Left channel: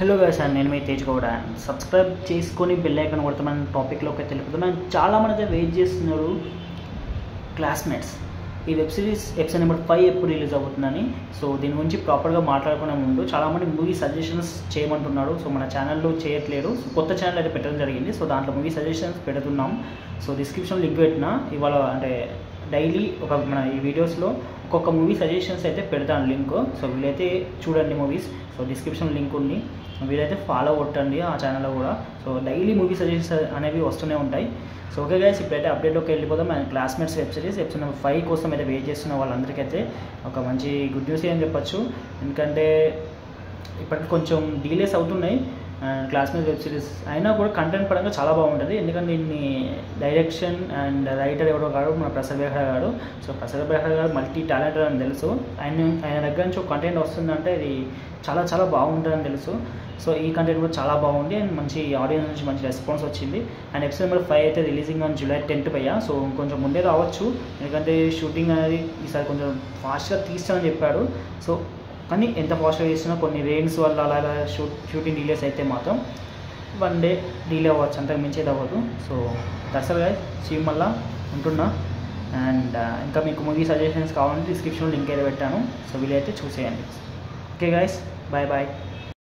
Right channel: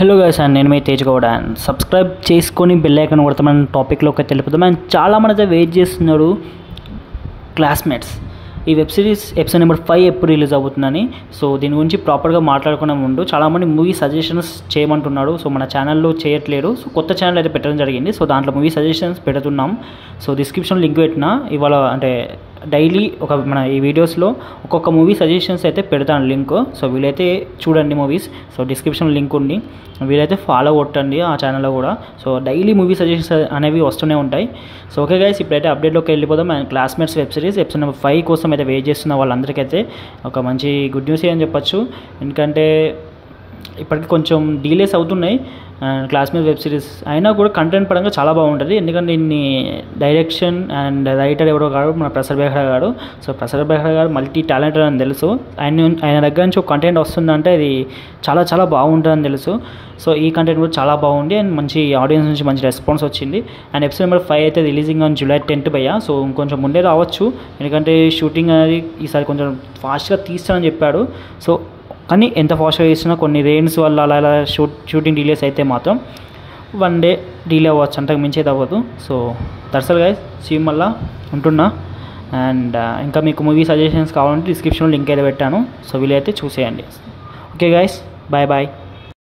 Hello guys and నేను మీ Tej Goud and subscribe చేసుకొని bell icon కొడతామని టాపిక్లోకి తెలుపుతాం. అండ్ చాలామంది అయితే వెయిట్ చేస్తున్నారు క్లాస్మేట్స్ ఈ వెబ్ సిరీస్ ఎపిసోడ్ నెంబర్ 5 ఎప్పుడు రిలీజ్ అవుతుందని. సో దీని గురించి ప్రాపర్గా మాట్లాడుకునే ముందు చాలామంది మూవీ సజెషన్స్ చేయమంటున్నారు. సో మన ఛానల్లో చేయట్లేదు. సో కొత్త ఛానల్ అయితే పెట్టడం జరిగింది. సో దాంట్లో మూవీ సజెషన్స్ పెడుతున్నాం. సో డిస్క్రిప్షన్ లింక్ పెట్టినా ఇవాళ అంటే డైలీ మన ఈ వీడియోస్లో ఒక్కొక్క మూవీ సజెషన్స్ అయితే పెడతాను లింక్. సో వీలైతే చూడండి మూవీస్. సో డిస్క్రిప్షన్ లింక్ ఉంది, వీలైతే ఫాలో కొట్టండి ఆ ఛానల్లో కూడా. సో డైలీ మూవీ సజెషన్స్ అనేవి వస్తూనే ఉంటాయి. సో ఓకే గైస్, ఇప్పుడైతే అప్డేట్లోకి వెళ్ళిపోదాం. And classmates web series episode number 5 కోసం అయితే వెయిట్ చేస్తున్న వాళ్ళందరికైతే ఒక మంచి గుడ్ న్యూస్ అని చెప్పొచ్చు. ఎందుకంటే ఇప్పటికి కొంచెం డీలేస్ అవుతున్నాయి క్లాస్మేట్ వెబ్ సిరీస్ అయినా కూడా కంటెంట్ పరంగా చాలా బాగుంటుంది. ఎందుకంటే దీన్ని డైరెక్షన్ అండ్ రైటర్ ఎవరో కాదు, మన ప్రసాద్ బెహ్రా గారు. సో ప్రసాద్ బెహ్రా గారు మల్టీ టాలెంటెడ్ అని తెలుసు. ఆయన దగ్గర నుంచి ఒక కంటెంట్ వస్తుందంటే ఇది చాలా చాలా బాగుంటుందని తెలుసు. సో ఈ కంటెంట్ కూడా చాలా బాగుంది అండ్ మంచి ఆడియన్స్ నుంచి మంచి రెస్పాన్స్ వచ్చింది. అండ్ ఎపిసోడ్ నెంబర్ 5 అయితే రిలీజింగ్ ఆన్ July 10th భయ్యా. సో ఇంకొంచెం ముందే రావచ్చు, ఎందుకంటే షూటింగ్ అనేది ఈసారి కొంచెం ఫాస్ట్గా తీస్తానని చెప్పాడు. సో కానీ ఎంత ఫాస్ట్గా చేసినా కొన్ని రెయిన్స్ వల్ల అలా షూటింగ్ డిలేస్ అయితే మాత్రం 1 day డిలే అవ్వచ్చు, అంతకు మించి అయితే అవ్వదు. సో దర్శల్ గైస్, సీ మళ్ళా ఉంటున్నా. అండ్ ఇంకా మీకు మూవీ సజెషన్స్ కావాలంటే డిస్క్రిప్షన్లో లింక్ అయితే పెట్టాను. సో వీలైతే చూసేయండి. Okay guys, bye bye.